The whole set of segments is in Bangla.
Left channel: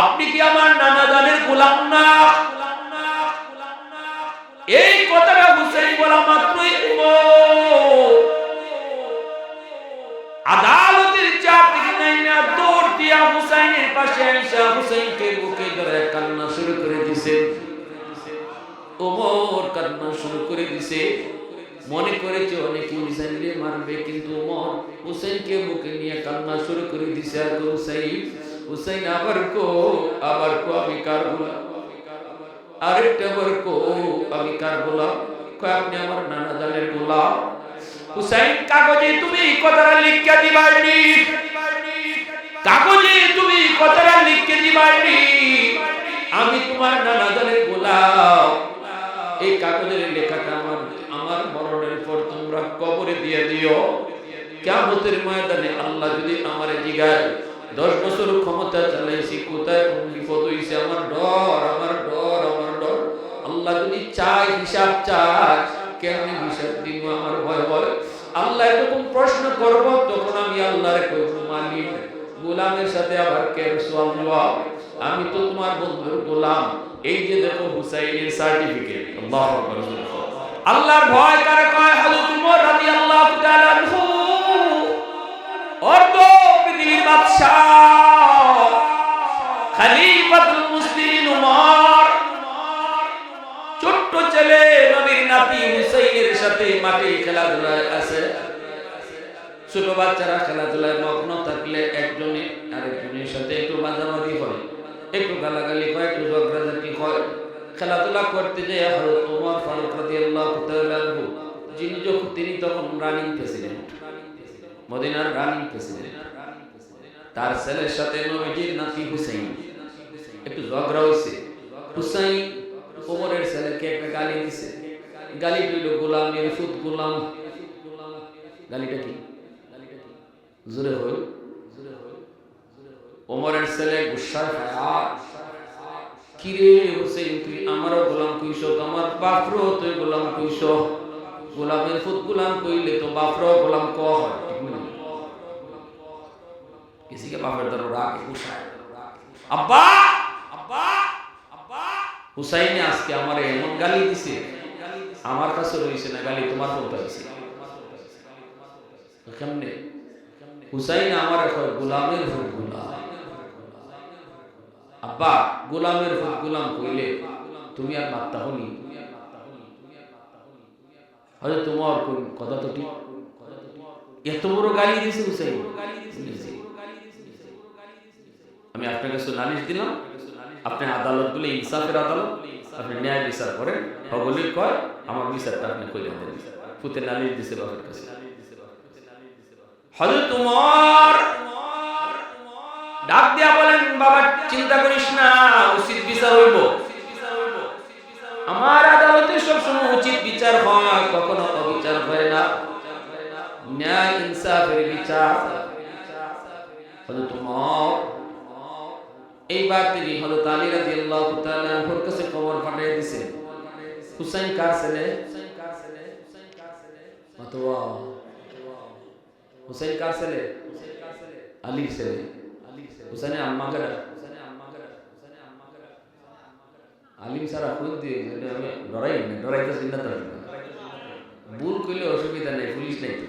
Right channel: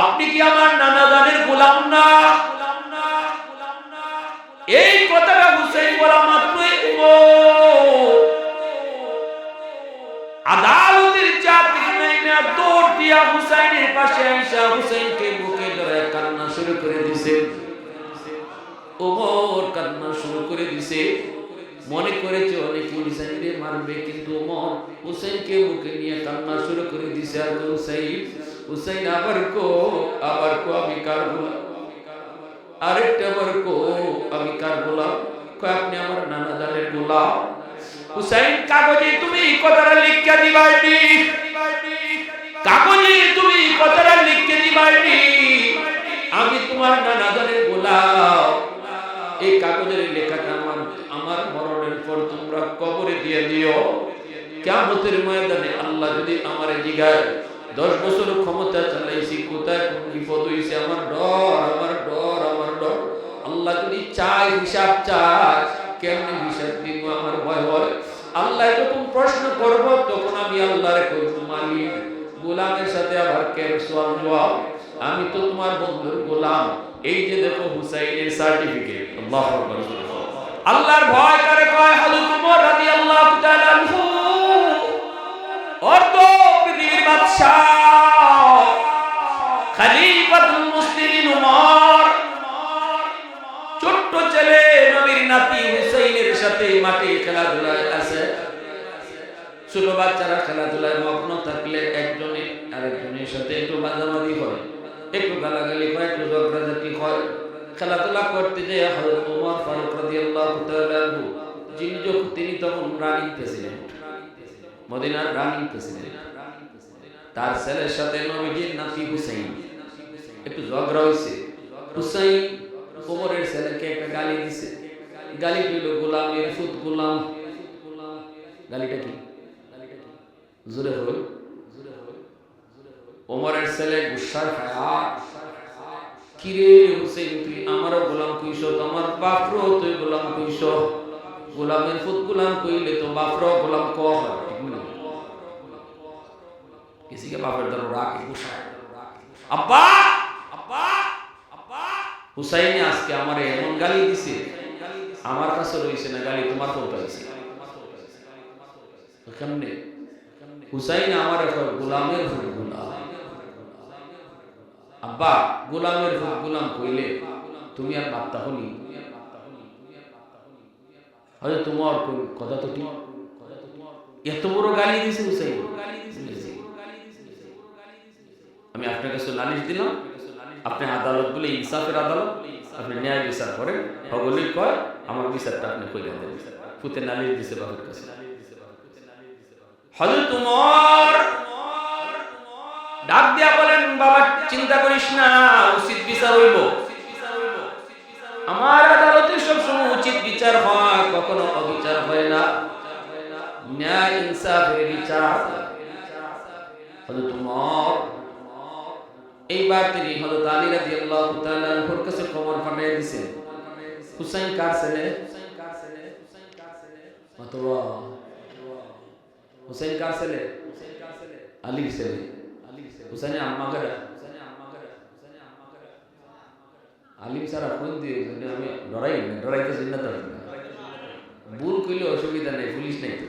আপনি কি আমার নানা জানের গোলাম না? এই কথাটা হুসাইন বলা মাত্রই উমর আদালতের চাপ থেকে নাইমা দৌড় দিয়া হুসাইনের পাশে আইসা হুসাইনকে বুকে ধরে কান্না শুরু করে দিছে। ওমর কান্না শুরু করে দিছে। মনে করেছে অনেকে হুসাইনকে মারবে, কিন্তু ওমর হুসাইনকে বুকে নিয়ে কান্না শুরু করে দিছে। আর হুসাইন হুসাইন আবার কো আমি কার গোলাম, আরেকটা বার কো আমি কার গোলাম? আপনি আমার নানা জানের গোলাম। হুসাইন কাগজে তুমি কথাটা লিখে দিবাইনি, কাগজে তুমি কথাটা লিখে দিবাইনি আমি তোমার নানা জানের গোলাম। এই কাগজের লেখাটা আমার মরণের পর তোমরা কবরে দিয়ে দিও। কিয়ামতের ময়দানে আল্লাহ যদি আমারে জিগায় 10 বছর ক্ষমতা চালাইছি, কোথায় কোন বিপদ হইছে, আমার ডর। আল্লাহ যদি চায় হিসাব চায়, কেমনে হিসাব দিব? আমার ভয় হয়। আল্লাহ যখন প্রশ্ন করব তখন আমি আল্লাহরে কইব, মালিক গোলামের সাথে আবার কেন সওয়াল জবাব? আমি তো তোমার বন্ধুর গোলাম। এই যে দেখো হুসাইনের সার্টিফিকেট। আল্লাহু আকবার। আল্লাহর ভয় কারে কয়? হযরত ওমর রাদিয়াল্লাহু তাআলা আনহু অর্ধ পৃথিবীর বাদশা, খলিফাতুল মুসলিমিন ওমর, ছোট্ট ছেলে নবীর নাতি হুসাইনের সাথে মাঠে খেলাধুলায় আছে। ছোট বাচ্চারা খেলাধুলায় মগ্ন থাকলে একজনে আরেকজনের সাথে একটু মাঝামাঝি হয়, একটু গালাগালি হয়, একটু ঝগড়াঝাটি হয়। খেলাধুলা করতে যেয়ে হযরত ওমর ফারুক রাদিয়াল্লাহু তাআলা আনহু তিনি তখন রানিং প্রেসিডেন্ট, মদিনার রানিং প্রেসিডেন্ট। তার ছেলের সাথে নবীজির নাতি হুসাইন একটু ঝগড়া হইছে। হুসাইন ওমরের ছেলেকে একটা গালি দিছে। গালিটা হইল গোলামের ফুত গোলাম। গালিটা কি? জোরে হইল। ওমরের ছেলে গুসায় ফায়ার, কিরে হুসাইন তুই আমারও গোলাম কইছ, আমার বাপরও তুই গোলাম কইছ। গোলামের ফুত গোলাম কইলে তো বাপরও গোলাম ক হয়, ঠিক না? কিসিকে বাপের দ্বারা রাগে গুসায়, আব্বা আব্বা আব্বা। হুসাইনে আজকে আমারে এমন গালি দিছে, আমার কাছে রইছে না গালি, তোমার কোন পাইছে? কেমনে? হুসাইন আমার কয় গোলামের ফুট গোলাম। আব্বা গোলামের ফুট গোলাম কইলে তুমি আর বার্তা হনি? হয়তো তোমার কথা তো ঠিক। এত বড় গালি দিছে হুসাইন। আমি আপনার কাছে নালিশ দিলাম, আপনি আদালত বলে ইনসাফের আদালত, আপনি ন্যায় বিচার করেন। হগলি কয় আমার বিচারটা আপনি কইরা দেন। ফুতে নালিশ দিছে বাপের কাছে। হযরত ওমর ডাক দিয়া বলেন, বাবা চিন্তা করিস না, উচিত বিচার হইব। আমার আদালতে সবসময় উচিত বিচার হয়, কখনো অবিচার হয় না, ন্যায় ইনসাফের বিচার। হযরত ওমর এইবার তিনি হযরত আলী রাদিয়াল্লাহু তাআলা আনহুর কাছে খবর পাঠিয়ে দিয়েছেন, হুসাইন কার ছেলে? মাতওয়া হুসাইন কার ছেলে? আলীর ছেলে। হুসাইনের আম্মা কেডা? আলিম সারা কোন দিয়ে আমি ডরাইতেছি না তো। ভুল কইলে অসুবিধা নেই, পুলিশ নাই তো।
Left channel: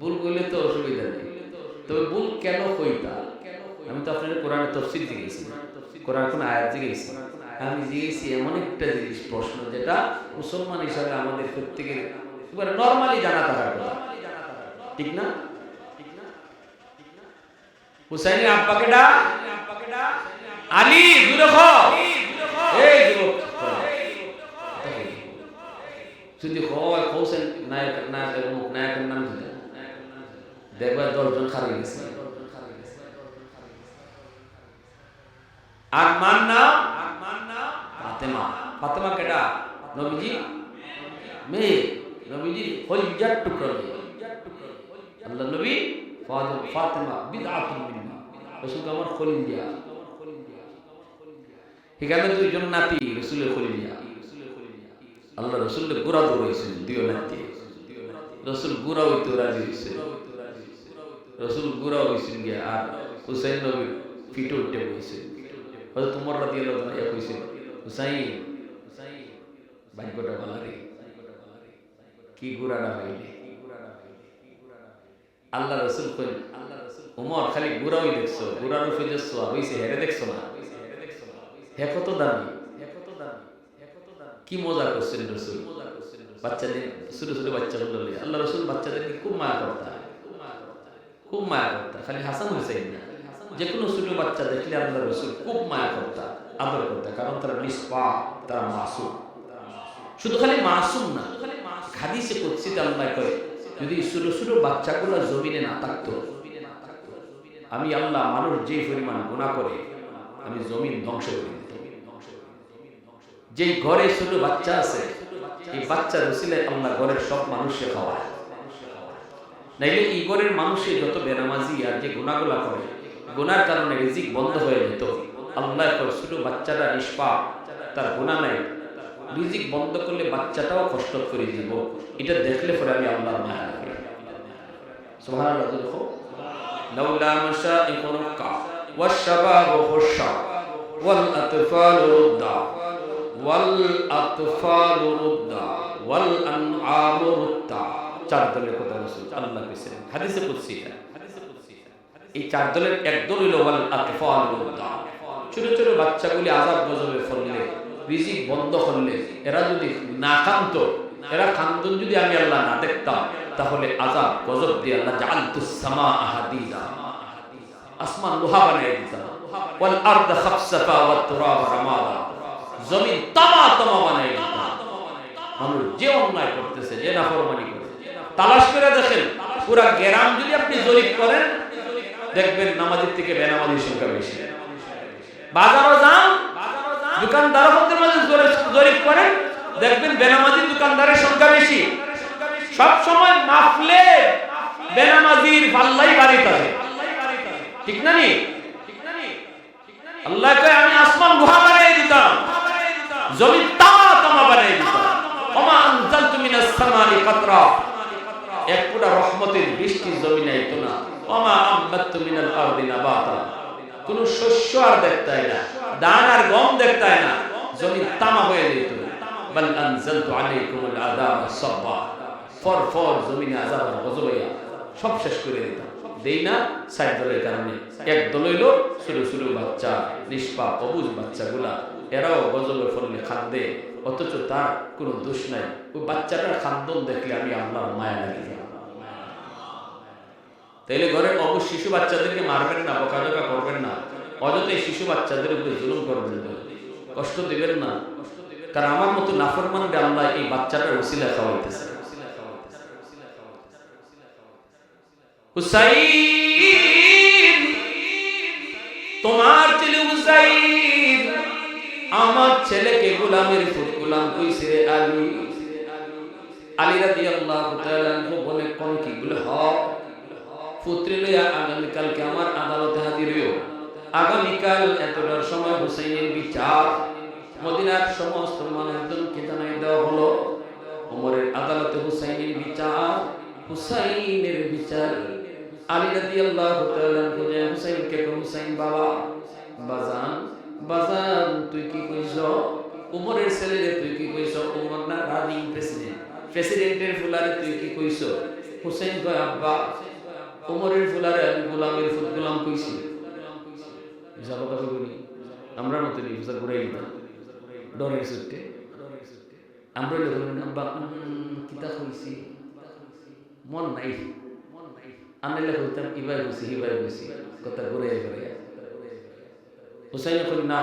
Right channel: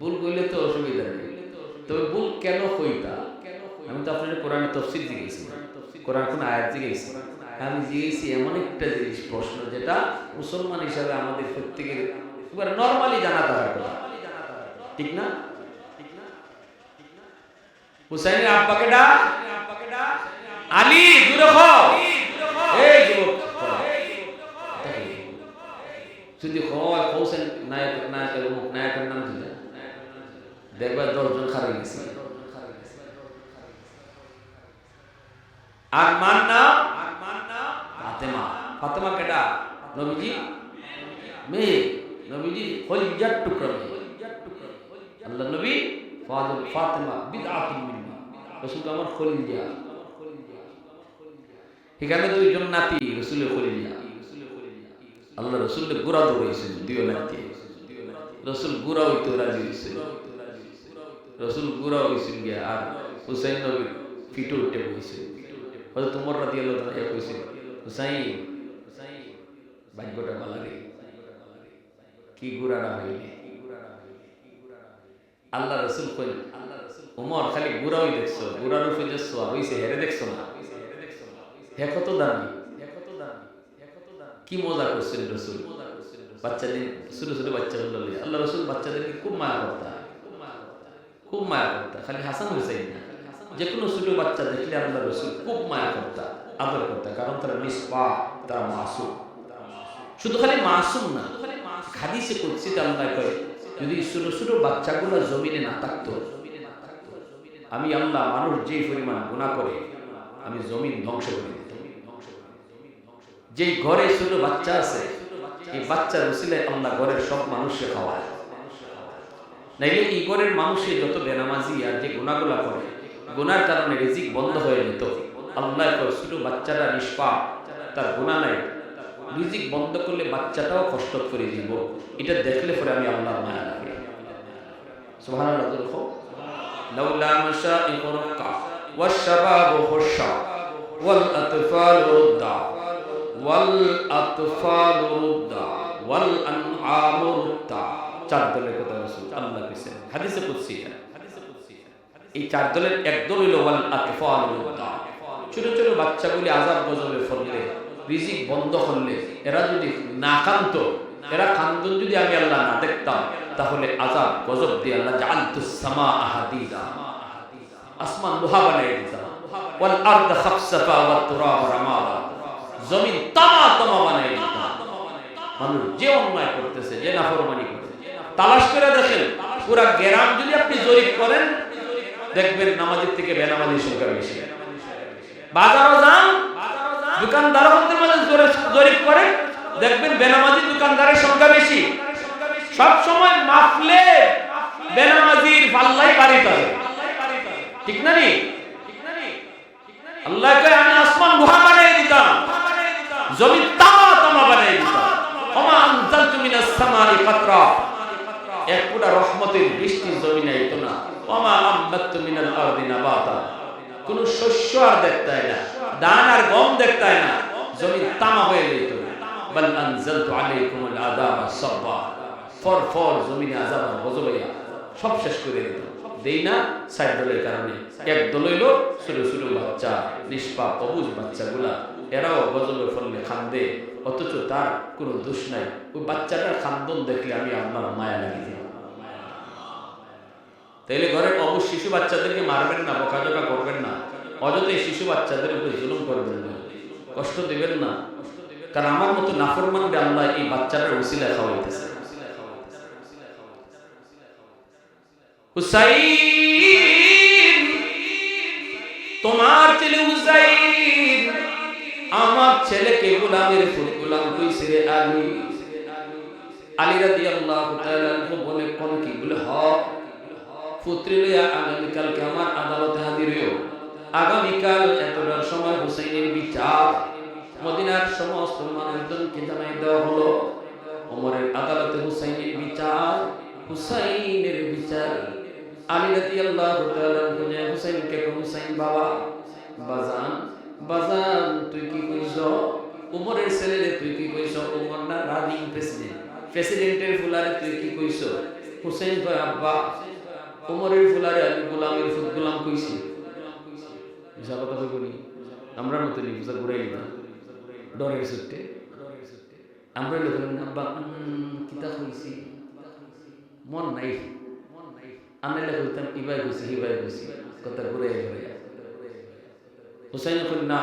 ভুল কইলে তো অসুবিধা নেই, তবে ভুল কেন কইতা? আমি তো আপনার কোরআনে তাফসীর জিজ্ঞেসি, কোরআন কোন আয়াত জিজ্ঞেসি, আমি জিজ্ঞেসি এমন একটা জিনিস, প্রশ্ন যেটা মুসলমান হিসাবে আমাদের প্রত্যেকের এবার নরমালি জানা থাকার কথা, ঠিক না? হুসাইনের আব্বা কেডা? আলী। দূরে খ এই যুবক যদি হয় হোসেন নায়কের অমুক নায়কের নাম দিলে দেখবা 10 জন খারাই গেছে। আর মান নাম ফাতেমা। ফাতেমা কেডা? নবীজি মেয়ে, নবীজি কলিজার টুকরা মেয়ে। আল্লাহ নবী ফাদল ফাতেমা বিদআতুন মিন্নি, রাসূলকে আমার খলিজা। এখানে 2 জন নাতি রাসূলের খলিজা। আল্লাহ রাসূলের গোরা দৌড়াইছেন, দিও নাতি রাসূল গোরা হইতে রাজি হইছে। রাসূল গোরা হইছেন গিয়া, আর হুসাইন নবীর ফিটে উঠে বইছে। হযরত ওমর রাদিয়াল্লাহু তাআলা কইছে, হুসাইন ভাগ্যটা ভালো রে, কি গুড়াটা পাইলে। আল্লাহ রাসূল কইল, ওমর খালি গুড়াই দেখছো, গুড়ার উপরে যে সোয়ার হইছে হেরে দেখছো না, হে কত দামি, কি মজা করছেন রাসূল। বাচ্চাদের ছোট ছোট বাচ্চাগুলো লইয়া আল্লাহ রাসূল বাচ্চাদেরকে খুব মায়া করতা, খুব মায়া করতা। খালি হাসান হুসাইন না, যে কোনো ছোট বাচ্চা দেখলে আল্লাহ রাসূল খুব মায়া করতা, আদর করতা, কারণ তারা নিষ্পাপ, তারা মাসুম। শুধু খালি মাসুম না, হাদিসে কুদসিতে আল্লাহ কয়, যদি ছোট ছোট বাচ্চাগুলো জমিনে না থাকতো, আমি আল্লাহ মানুষ যে পরিমাণ গুনাহ করে আমি জমিন ধ্বংস করে দিতাম। যেই ঘরে ছোট বাচ্চা আছে, এই বাচ্চার উসিলায় আল্লাহ ঘরের সব মানুষকে খাওয়ায়। নাইলে এই ঘরের মানুষে যত বেনামাজি আর যে গুনাহগুলা করে, গুনার কারণে রিজিক বন্ধ হয়ে যেত। আল্লাহ কয় ছোট বাচ্চাটা নিষ্পাপ, তার গুনাহ নাই, রিজিক বন্ধ করলে বাচ্চাটাও কষ্ট করে দিব। এটা দেখলে পরে আমি আল্লাহর মায়া লাগে। সুবহানাল্লাহ। দেখো, লাউলা মাশাইখ রুক্কা ওয়াশ-শাবাবু খুশা ওয়াল আতফালু রুদ্দা ওয়াল আতফালু রুদ্দা ওয়াল আনআমু রুদ্দা। চার দলের কথা রাসূল আল্লাহ কইছেন হাদিসে কুদসি। এই চার দলের এক দল হইল ওয়াল আতফালু রুদ্দা। ছোট ছোট বাচ্চাগুলি আযাব গজবে ফললে, রিজিক বন্ধ করলে, এরা যদি না কাঁদতো, এরা কান্দন যদি আমি আল্লাহ না দেখতাম, তাহলে আযাব গজব দিয়ে আল্লাহ জাআলতুস সামাআ হাদিদা, আসমান লোহা বানাই দিতাম, ওয়াল আরদ খাফসাফা ওয়াত তুরাব রামাদা, জমিন তামা তামা বানাই দিতাম। মানুষ যে অন্যায় করতেছে, যে নাফরমানি করে, তালাশ করে দেখেন, পুরা গ্রাম যদি আপনি জরিপ করেন, দেখবেন নামাজীর থেকে বেনামাজির সংখ্যা বেশি। বাজারও যান, দোকানদারদের মাঝে জরিপ করেন, দেখবেন বেনামাজি দোকানদারের সংখ্যা বেশি। সব সময় মাফলে বেনামাজির পাল্লাই বাড়ি থাকে, ঠিক না নি? আল্লাহ কয় আমি আসমান লোহা বানাই দিতাম, জমিন তামা তামা বানাই দিতাম। ওমা আনজালতু মিনাস সামাই কাতরা, এক ফোঁটা রহমতের বৃষ্টি জমিনে আইতো না। ওমা আমবাততু মিনাল আরদি নাবাতা, কোন শস্য আর দেখতাই না, ধান আর গম দেখতাই না, জমিন তামা হয়ে যেত। বাল আনজালতু আলাইকুমুল আযাবা সাব্বা, ফর ফর জমিনে আযাব আর গজবাইয়া সব শেষ করে দিতাম। দেই না সাইড দলের কারণে। এক দল হইল ছোট ছোট বাচ্চা, নিষ্পাপ অবুঝ বাচ্চাগুলা, এরাও গজবে ফললে খান্দে, অথচ তার কোনো দোষ নাই। ওই বাচ্চাটার খান্দন দেখলে আমি আল্লাহর মায়া লাগি যায়। তাইলে ঘরের অবুঝ শিশু বাচ্চাদেরকে মারবেন না, বকাঝকা করবেন না, অযথাই শিশু বাচ্চাদের উপরে জুলুম করবেন না, কষ্ট দিবেন না। কারণ আমার মতো নাফরমানকে আল্লাহ এই বাচ্চাটার উসিলা খাওয়াইতেছে। হুসাইন, তোমার ছেলে হুসাইন আমার ছেলেকে গোলামের ফুল গোলাম কইছে রে আলী। আলী রাদিয়াল্লাহু তাআলা বলে কোন কি বলে, হ পুত্রে লইয়া আগামীকালকে আমার আদালতে হাজির হইও। আগামীকাল এতটার সময় হুসাইনের বিচার মদিনার সমস্ত মানুষজনকে জানাই দেওয়া হলো। ওমরের আদালতে হুসাইনের বিচার, হুসাইনের বিচার। আলী রাদিয়াল্লাহু তাআলা বলে হুসাইনকে কই, হুসাইন বাবা, বাজান বাজান তুই কি কইছ? ওমরের ছেলেরে তুই কি কইছ? ওমর না রানিং প্রেসিডেন্ট, প্রেসিডেন্টের ফুলারে তুই কি কইছ? হুসাইন কয় আব্বা ওমরের ফুলারে আমি গোলামের ফুল গোলাম কইছি। বুঝা কথা কইব নি? আমরা মতো নি বুঝা ঘুরাই লিবা ডরের সুটে। আমরা লোক আব্বা কিতা কইছি মন নাই, আনাইলে কইতাম ইবাই কইছি হিবাই কইছি, কথা ঘুরাই ঘুরাইয়া। হুসাইন কই না,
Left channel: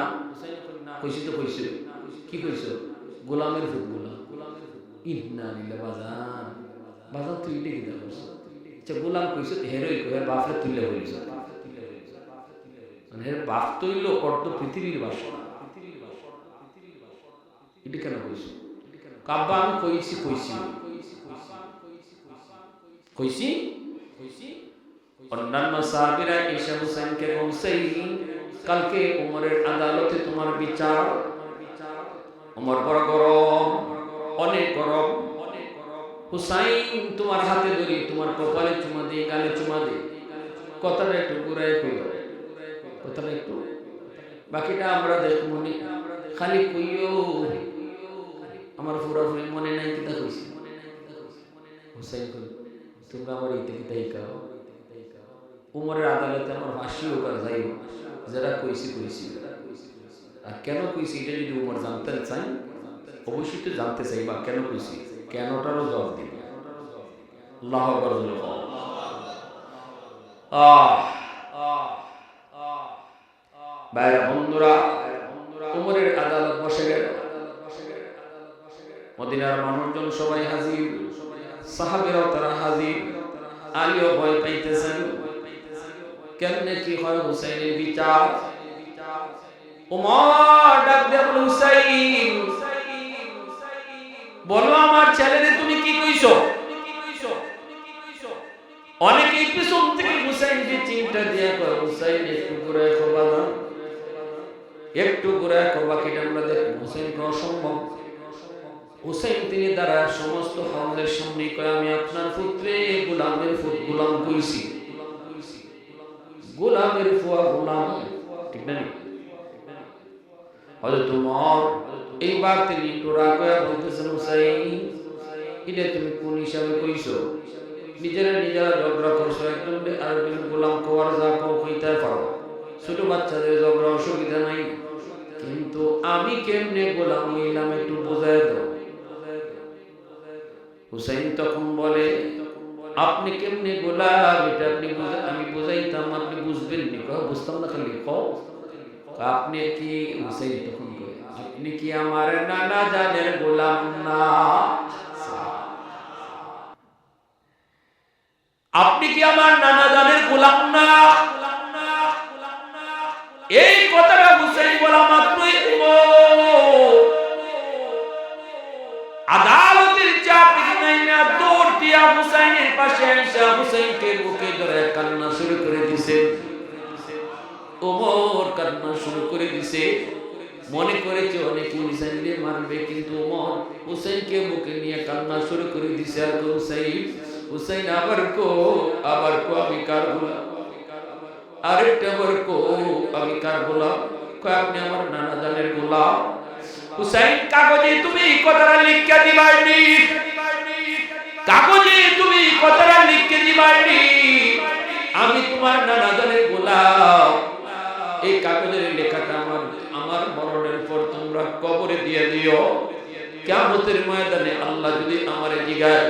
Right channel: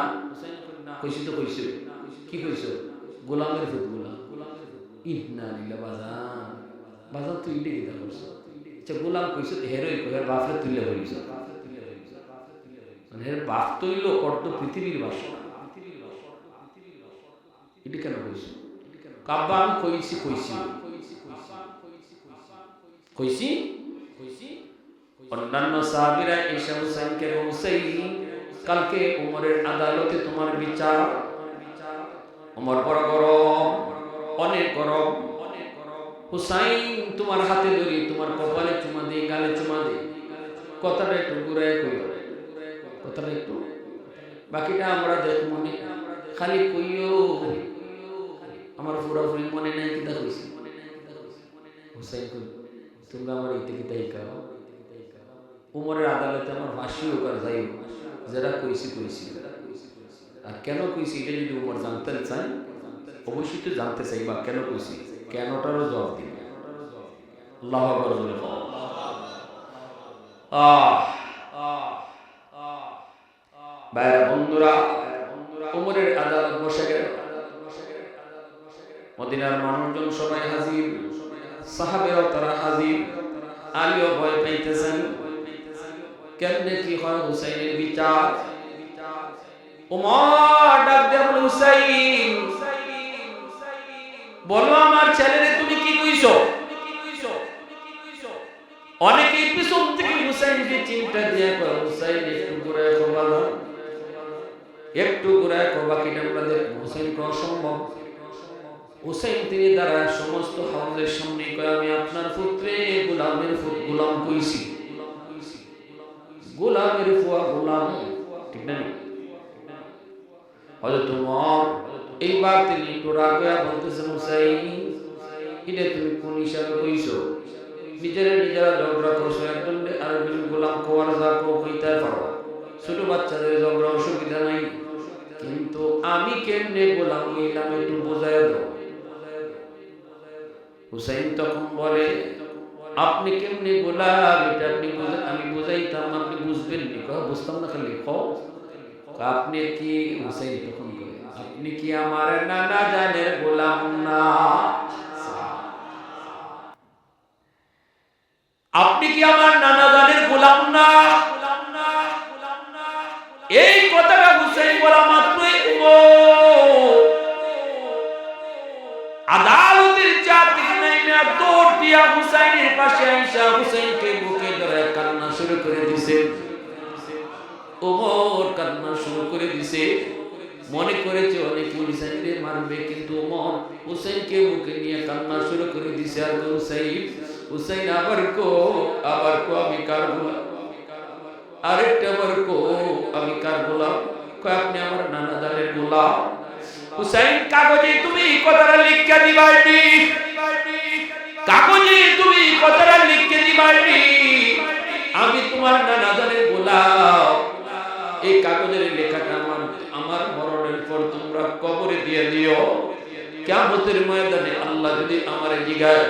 কইছি তো কইছো, কি কইছো? গোলামের ফুল গোলাম। ইন্না লিল্লাহি বাজান, বাজান তুই ইডে কিতা করছ? আচ্ছা গোলাম কইছো হেরই কই, হের বাপরে তুইলে বলিস, মানে হের বাপ তৈল অর্ধ পৃথিবীর বাসনা, এটা কেন কইছো? কাব্বা আমি কইছি কইছি কইছি কইছি। অন্যান্য সাহাবীরা এসে হুসাইনকে হুসাইন কালকে ওমরের আদালতে তোমার বিচার। ওমর বড় গরম, অনেক গরম। হুসাইন তোমার হাতে ধরি, তোমার কপালে চুমা দে, গালে চুমা দে, কথাটা একটু ঘুরায় কইও। কথাটা একটু বাকিটা আমরা দেখবো নি, খালি কইও আমার পুরাপুরি মনে নাই কিতা কইছি হুসাইন কই তোমরা আমার ইতে কিতা হিকাও উমরের আদালতে আমার ফাঁসিও কর যাইও যারা কইছি কইছি আর কেন কইছি এটা যদি উমর জানতে চাই অবশ্যই তো জানতে চাই বা কেন কইছি কেনটারও জবাব দিন আল্লাহু আকবার জোরে বল ভাইরা বন্ধুরা উমরের আদালত বসে গেল মদিনার মানুষজন সবাই হাজির সাহাবেরাও তারা হাজির আলীও ভয় পাইতেছেন কেমনে কি হয় হুসাইনের বিচার উমর ডাক দিয়ে বলে হুসাইন বলো আমার ছেলেরে তুমি কি কইছো অনেকেই পিছন থেকে হুসাইনকে চিন্তা দিয়া কয় হুসাইন একটু ঘুরে খোবা দাও একটু ঘুরে খোবা কিটা আমরা দেখবো হুসাইন কে অসম্ভব হুসাইন তিনি দ্বারা সমস্ত হাউজের সামনে কয় আমি আপনার পুত্রে গোলামের ফুট গোলাম কইছি গোলামের ফুয়া গোলাম ঠিক না নি হযরত ওমর এইবার তিনি একটু রাগ হয়ে বলতেছেন হুসাইন এটা তুমি কোন হিসাবে কইছো নিজেরা ঝগড়া করছো একজন আরেকজন গোলাম কোয়ার যা কইতে পারো ছোট বাচ্চাদের ঝগড়া অসুবিধা নাই কিন্তু আমি কেমনে গোলাম হইলাম একটু বোঝায় দাও হুসাইন তখন বলে আপনি কেমনে গোলাম এটা আপনি আমি বুঝাইতাম আপনি বুঝবেন নি বুঝতাম না খালি আপনি কি হুসাইন তখন কই আপনি কি আমার নানা জানের গোলাম না আপনি কি আমার নানা জানের গোলাম না এই কথাটা হুসাইন বলা মাত্রই আদালতের চাপ থেকে নাইমা দৌড় দিয়া হুসাইনের পাশে আইসা হুসাইনকে বুকে ধরে কান্না শুরু করে দিছে ওমর কান্না শুরু করে দিছে মনে করেছে অনেকে হুসাইনকে মারবে কিন্তু ওমর হুসাইনকে বুকে নিয়ে কান্না শুরু করে দিছে আর হুসাইন আবার কো আমি কার গোলাম আরেকটা বার কো আমি কার গোলাম কয় আপনি আমার নানা জানের গোলাম হুসাইন কাগজে তুমি কথাটা লিখে দিবাইনি কাগজে তুমি কথাটা লিখে দিবাইনি আমি তোমার নানা জানের গোলাম এই কাগজের লেখাটা আমার মরণের পর তোমরা কবরে দিয়ে দিও কিয়ামতের ময়দানে আল্লাহ যদি আমারে জিগায়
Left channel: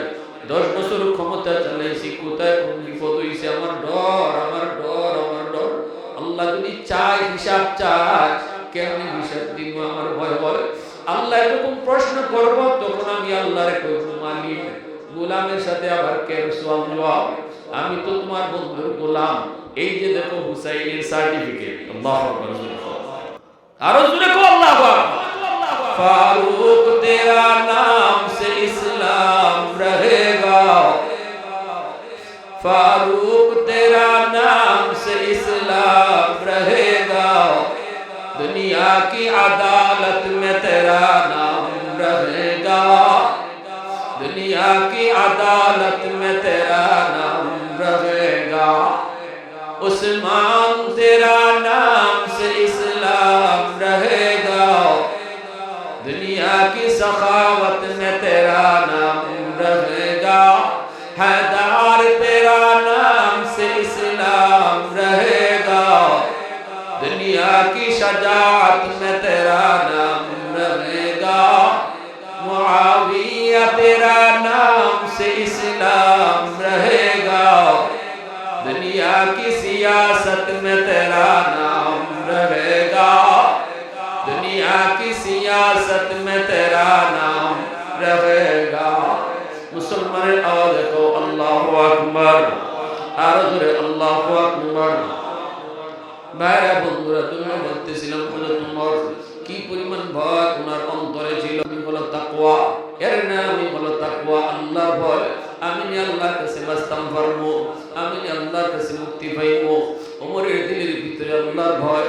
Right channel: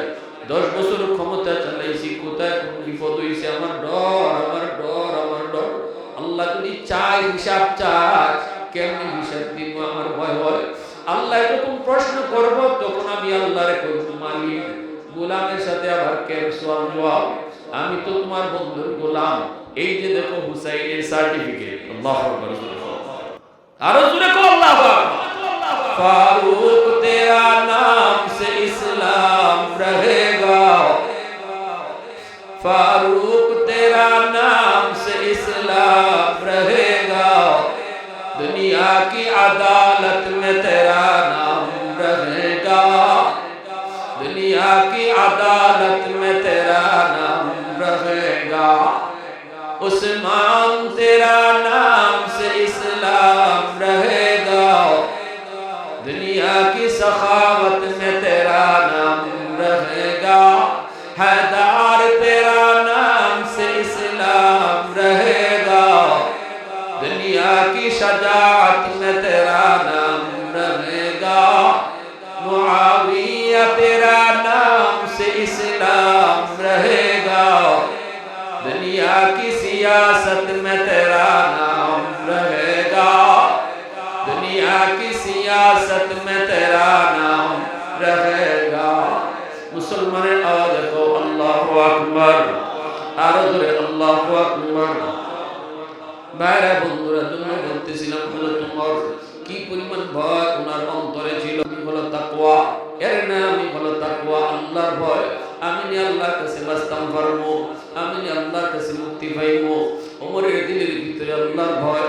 10 বছর ক্ষমতা চালাইছি কোথায় কোন বিপদ হইছে আমার ডর আল্লাহ যদি চাই হিসাব চায় কেমনে হিসাব দিব আমার ভয় হয় আল্লাহ যখন প্রশ্ন করব তখন আমি আল্লাহরে কইব মালিক গোলামের সাথে আবার কেন সওয়াল জবাব আমি তো তোমার বন্ধুর গোলাম এই যে দেখো হুসাইনের সার্টিফিকেট আল্লাহু আকবার আরো জোরে কো আল্লাহু আকবার फारूक तेरा नाम से इस्लाम रहेगा फारूक तेरा नाम से इस्लाम रहेगा दुनिया की अदालत में तेरा नाम रहेगा दुनिया की अदालत में तेरा नाम रहेगा उस्मान तेरा नाम से इस्लाम रहेगा दुनिया की सखावत में तेरा नाम रहेगा हैदर तेरा नाम से इस्लाम रहेगा दुनिया की शजाअत में तेरा नाम रहेगा मुआविया तेरा नाम से इस्लाम रहेगा दुनिया की सियासत में तेरा नाम रहेगा दुनिया की सियासत में तेरा नाम रहेगा मुसलमान आवाज को अल्लाहु अकबर আর জোরে আল্লাহু আকবার ভাইরা বন্ধুরা জন্য বলতেছিলাম হযরত ওমর কি পরিমাণ ভয় ওনার অন্তরে ছিল আমি হলো তাকওয়া এর নামই হলো তাকওয়া আল্লাহর ভয় আমি নি আল্লাহর কাছে বাস্তাম পারবো আমি নি আল্লাহর কাছে মুক্তি পাইবো ওমরের দিলের ভিতরে আল্লাহর ভয়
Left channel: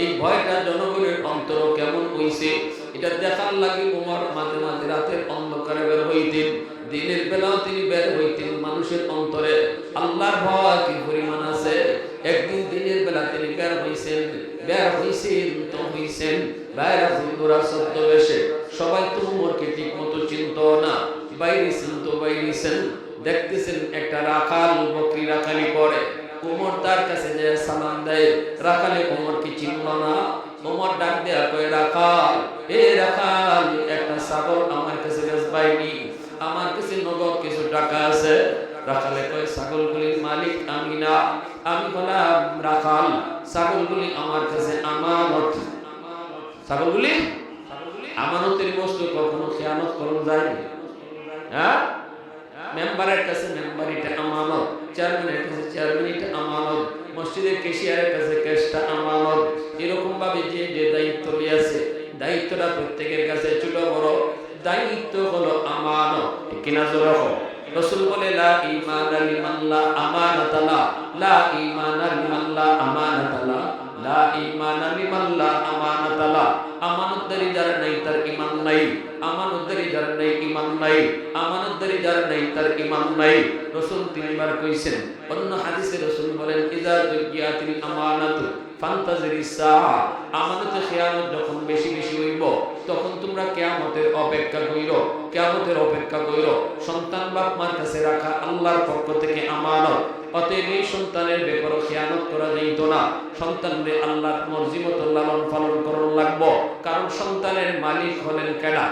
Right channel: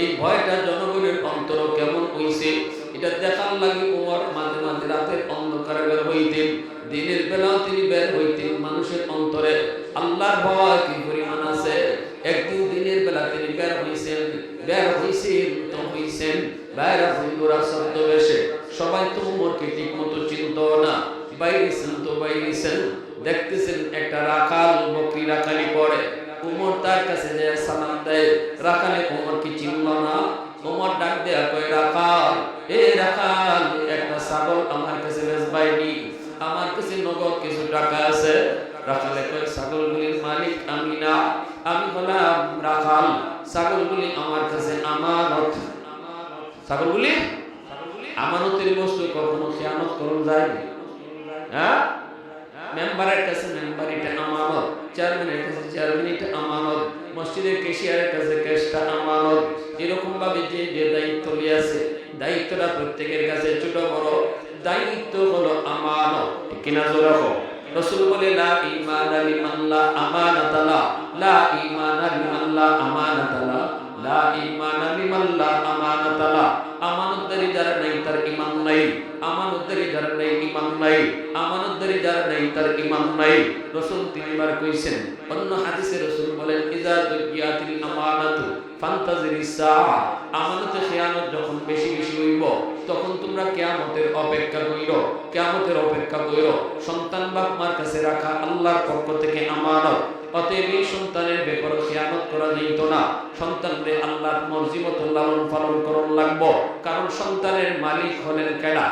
এই ভয়টা জনগণের অন্তর কেমন হইছে এটা দেখার লাগি ওমর মাঝে মাঝে রাতের অন্ধকারে বের হইতেন দিনের বেলাও তিনি বের হইতেন মানুষের অন্তরে আল্লাহর ভয় কি পরিমাণ আছে একদিন দিনের বেলা তিনি বের হইছেন তো হইছেন বাইরা বন্ধুরা ছদ্মবেশে, সবাই তো উমরকে ঠিক মতো চিনত না, বাইরেছেন তো বাইরেছেন, দেখতেছেন একটা রাখাল বকরি রাখালি করে, উমর তার কাছে যে সালাম দেয়, রাখালে উমরকে চিনল না। উমর ডাক দেয়া কয়, রাখাল, এ রাখাল, একটা ছাগল আমার কাছে বেচবাইনি, আমার কাছে নগদ কিছু টাকা আছে। রাখালে কয়, ছাগলগুলির মালিক আমি না, আমি হলাম রাখাল, ছাগলগুলি আমার কাছে আমানত। ছাগলগুলি আমানতের বস্তু, কখনো খেয়ানত করুন যায়নি। হ্যাঁ, মেম্বারের কাছে মেম্বার এটা আমানত, চেয়ারম্যানের কাছে চেয়ারম্যান এটা আমানত, মসজিদের ক্যাশিয়ারের কাছে ক্যাশটা আমানত। এরকম ভাবে যে যে দায়িত্ব লিয়েছে, দায়িত্বটা প্রত্যেকের কাছে ছোট বড়, দায়িত্ব হলো আমানত। ঠিক কিনা জোরে হোক। রাসূল বলে, লা ঈমানা লিমান লা আমানাতা লা, লা ঈমানা লিমান লা আমানাতা লা, লা ঈমানা লিমান লা আমানাতা লা। আমানতদারি যার নাই তার ঈমান নাই, আমানতদারি যার নাই ঈমান নাই, আমানতদারি যার নাই তার ঈমান নাই। রাসূল তিনবার কইছেন। অন্য হাদিসে রাসূল বলেন, ইযা দুকিয়াতিল আমানাতু ফান্তাজিরিস সাআ। আমানতে খেয়ানত যখন বেশি বেশি হইব, তখন তোমরা কিয়ামতের অপেক্ষা কইরো, কিয়ামতের অপেক্ষা কইরো। সন্তান বাপ মার কাছে রাখা আল্লাহর পক্ষ থেকে আমানত। অতএব এই সন্তানের ব্যাপারে খেয়ানত করা যাইত না। সন্তানরে আল্লাহর মর্জি মতো লালন পালন করণ লাগবো, কারণ সন্তানের মালিক হলেন কেডা?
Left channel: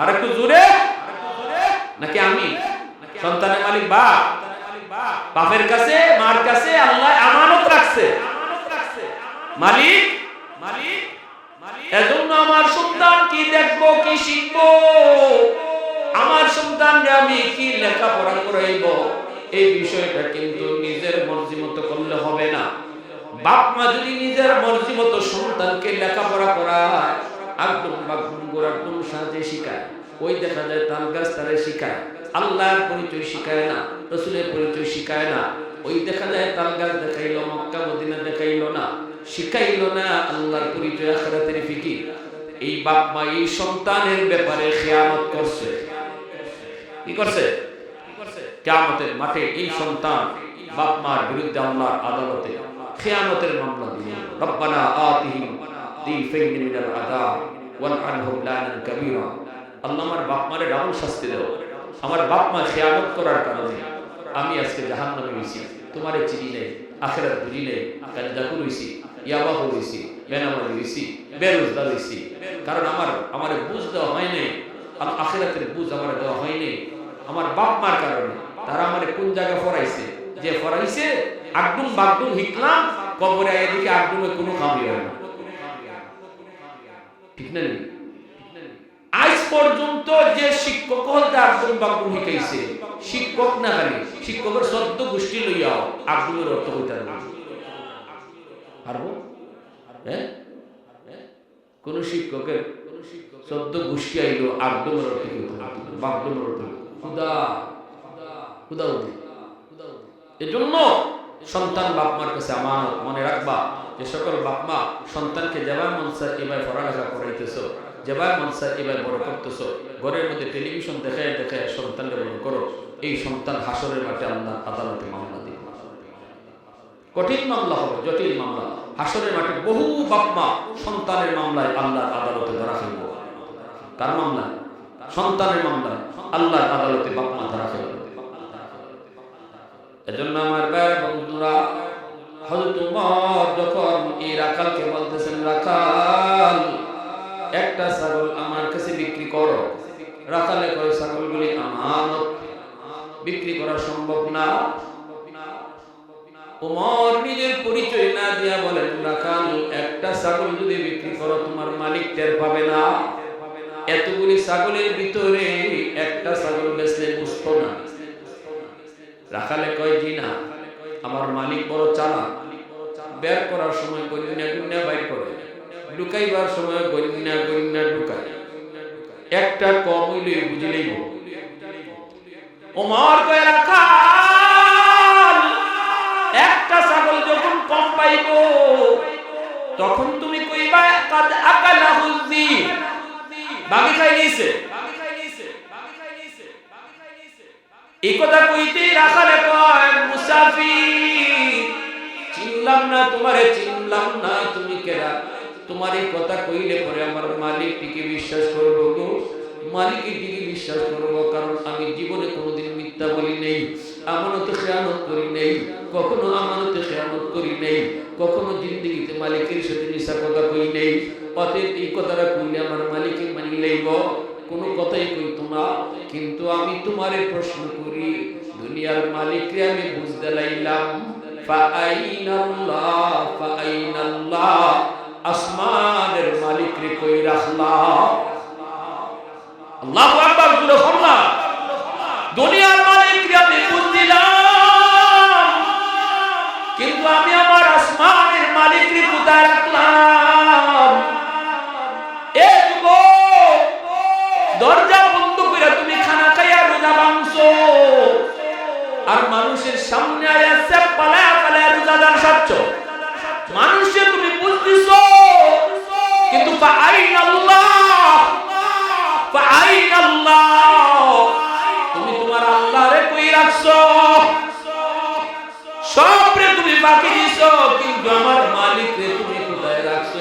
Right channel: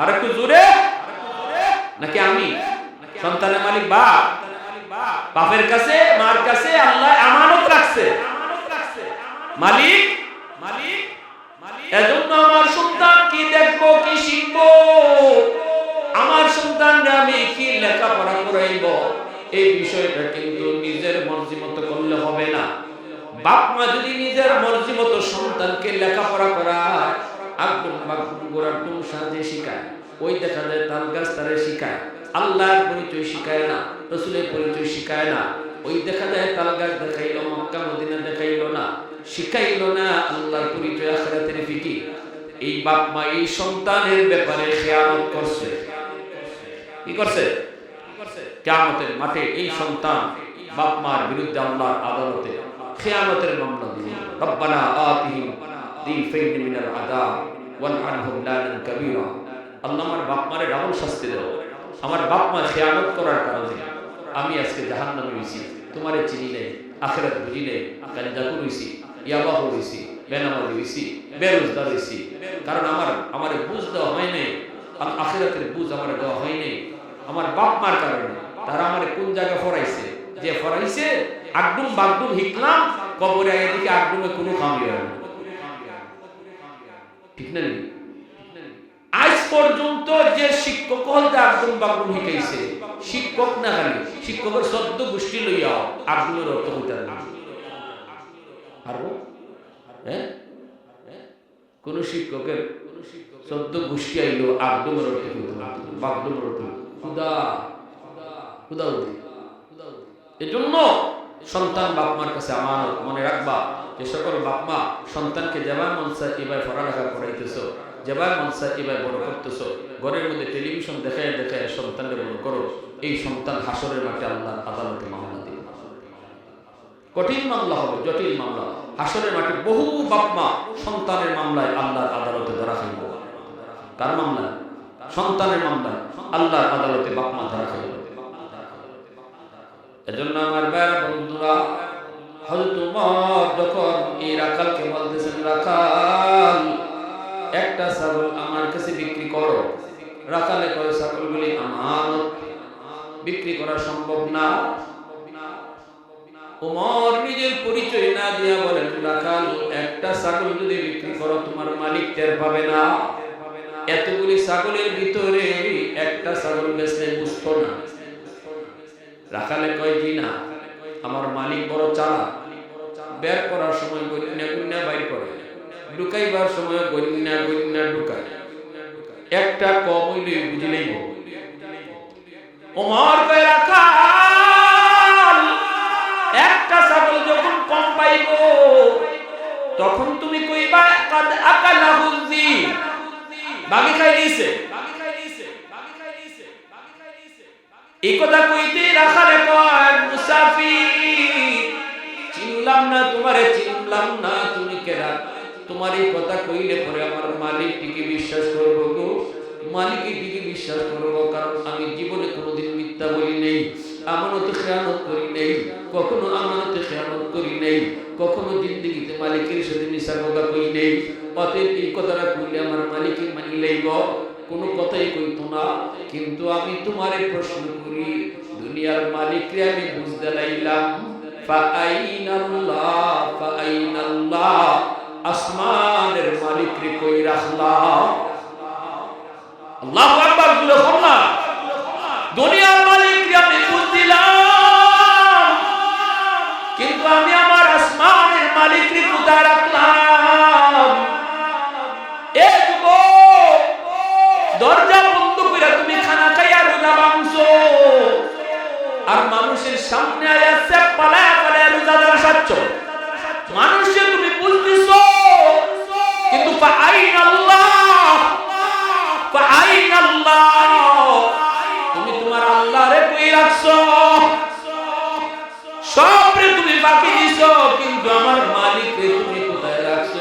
আর একটু জোরে, নাকি আমি? সন্তানের মালিক বাপ, বাপের কাছে মার কাছে আল্লাহ আমানত রাখছে, মালিক মালিক। এজন্য আমার সন্তান কি দেখবো, কি শিখবো, আমার সন্তানরা আমি কি লেখাপড়া করাইব, এই বিষয়টা কিন্তু নিজের মর্জি মতো করলে হবে না। বাপ মা যদি নিজের মর্জি মতো সন্তানকে লেখাপড়া করায়, একদম বাগদুম গোড়াদুম সাজে শিখায়, ওই দেখা যায় তাল গাছ তারে শিখায়, আল্লাহর পরিচয় শিখায় না, রসুলের পরিচয় শিখায় না। ওই দেখা যায় তাল গাছ দেখাইলো, মক্কা মদিনা দেখাইলো না, শিখাইলো না আল্লাহর পরিচয়, আখিরাতের ফিকির। এই বাপ মা এই সন্তানের ব্যাপারে খেয়ানত করছে। কি করছে? কিয়ামতের মাঠে এই সন্তান বাপ মার বিরুদ্ধে আল্লাহর আদালতে খেয়ানতের মামলা দিবে। রব্বানা আতিহিম দিফাইন মিনাল আযাব ওয়ালআনহুম লানান কাবীরা। আল্লাহ, আমার বাপ মারে ডাবল শাস্তি দাও, আমার বাপ মা খেয়ানত করার কারণে আমি আজকে জাহান্নামে হইছি, তোমারে চিনি নাই, আখিরাত বুঝি নাই, গাঞ্জাখুর হইছি, ইয়াবাহু হইছি, বেনামাজি হইছি, বেরোজগার হইছি, কারণ আমারে বুঝ দেওয়া হয় নাই, আখিরাতের বুঝ আমারে দেওয়া হয় নাই আমার বাপ মার কারণে। তারা আমারে কোন জায়গায় ফরাইছে, যে ফরাইছে আগডুম বাগডুম হিকলাম, কবরে আইয়া দেখি আগডুমে কোনো কামই হয় না। ঠিক না? আজ পর্যন্ত যে শিক্ষক হলতে আগডুম বাগডুম শিখাইছে, শিক্ষক না খালি শিক্ষকের ১৪ গোষ্ঠী লইয়াও আগডুমের অর্থ হইতে পারবো? হ্যাঁ, কোন শিক্ষকের ১৪ গোষ্ঠী আইলো আগডুমের অর্থ হইতে বাগডুমের অর্থ খুদা খুদা উদি। এজন্য সন্তান বাপ মার কাছে আমানত। মনে রাখবা, যে সকল বাপ মা সন্তানকে যেভাবে মন চায় এভাবে পড়ালেখা করাইতেছো, যেভাবে মন চায় এভাবে বড় করতেছো, ঘরের মধ্যে টেলিভিশন দেখায় দেখায় সন্তানকে বড় করো, এই সন্তান হাসরের মাঠে আল্লাহর আদালতে মামলা দিবে। কঠিন মামলা হবে, জটিল মামলা। হাসরের মাঠে বহু বাপ মা সন্তানের মামলায় আল্লাহর আদালতে ধরা খাইব। কার মামলায়? সন্তানের মামলায় আল্লাহর আদালতে বাপ মা ধরা খাইব। এজন্য আমার ভাইরা বন্ধুরা, হযরত ওমর যখন এই রাখালকে বলতেছেন, রাখাল, একটা ছাগল আমার কাছে বিক্রি করো। রাখালে কয়, ছাগলগুলি আমানত, বিক্রি করা সম্ভব না। ওমর নিজের পরিচয় না দিয়া বলেন, রাখাল, একটা ছাগল যদি বিক্রি করো তোমার মালিক টের পাবে না। এতগুলি ছাগলের ভিতরে একটা ছাগল বেচলে বুঝতো না। রাখালে কয়, জি না, আমার মালিক বড় চালাক, বের করার সময় গন্যা গন্যা বাইর করে, ঢুকাইবার সময় গন্যা গন্যা ঢুকায়, একটা কম হইলেই বুঝিলেইব। ওমর কয়, রাখাল, একটা ছাগল যখন কম পাইব তখন তুমি কইবা কাদ আকালাহু যিব, বাঘে খাই নিছে। এই কথা কইতে রাখালে কয়, মুসাফির, চিনলাম না তোমারে, চিনলাম না, তুমি কেডা? তোমার এই কথা কইলে পরে আমার মালিক টিকে বিশ্বাস করবো গো, মালিকের দিকে বিশ্বাস করব, কারণ আমি জীবনে কোনোদিন মিথ্যা বলি নেই, আমানতে খেয়ানত করি নেই, কখনো আমানতে খেয়ানত করি নেই, কখনো জিন্দগিতে মালিকের সাথে মিশা কথা কই নেই। অতএব এই কথাটা কইলে আমার মালিকে মানি লইব, কোনো কথাই কইতো না। কিন্তু আমি তোমারে প্রশ্ন করি, দুনিয়ার মালিকরে আমি বুঝতে লাইলাম, ফাআইনাল্লাহ ফাআইনাল্লাহ, আসমানের মালিকরে কই রাখলাম? আল্লাহু আকবার, জোরে বলনা। দুনিয়ার মালিককে আমি বুঝলাম, কিন্তু আমি আমার আসমানের মালিককে কোথায় রাখলাম? এ যুবক, দরজা বন্ধ করে তুমি খানা খাইয়া রোজা ভাঙছো, আর মানুষের সামনে আয়া সেপ পালায়া পালায়া রোজাদার সাচ্ছ। মানুষে তুমি বুঝতেছো, কিন্তু ফাআইনাল্লাহ ফাআইনাল্লাহ, তুমি তোমার আল্লাহরে কই রাখছো? সবরে তুমি বাকি দিছো, কিন্তু আমার মালিকরে তুমি কোথায় রাখছো?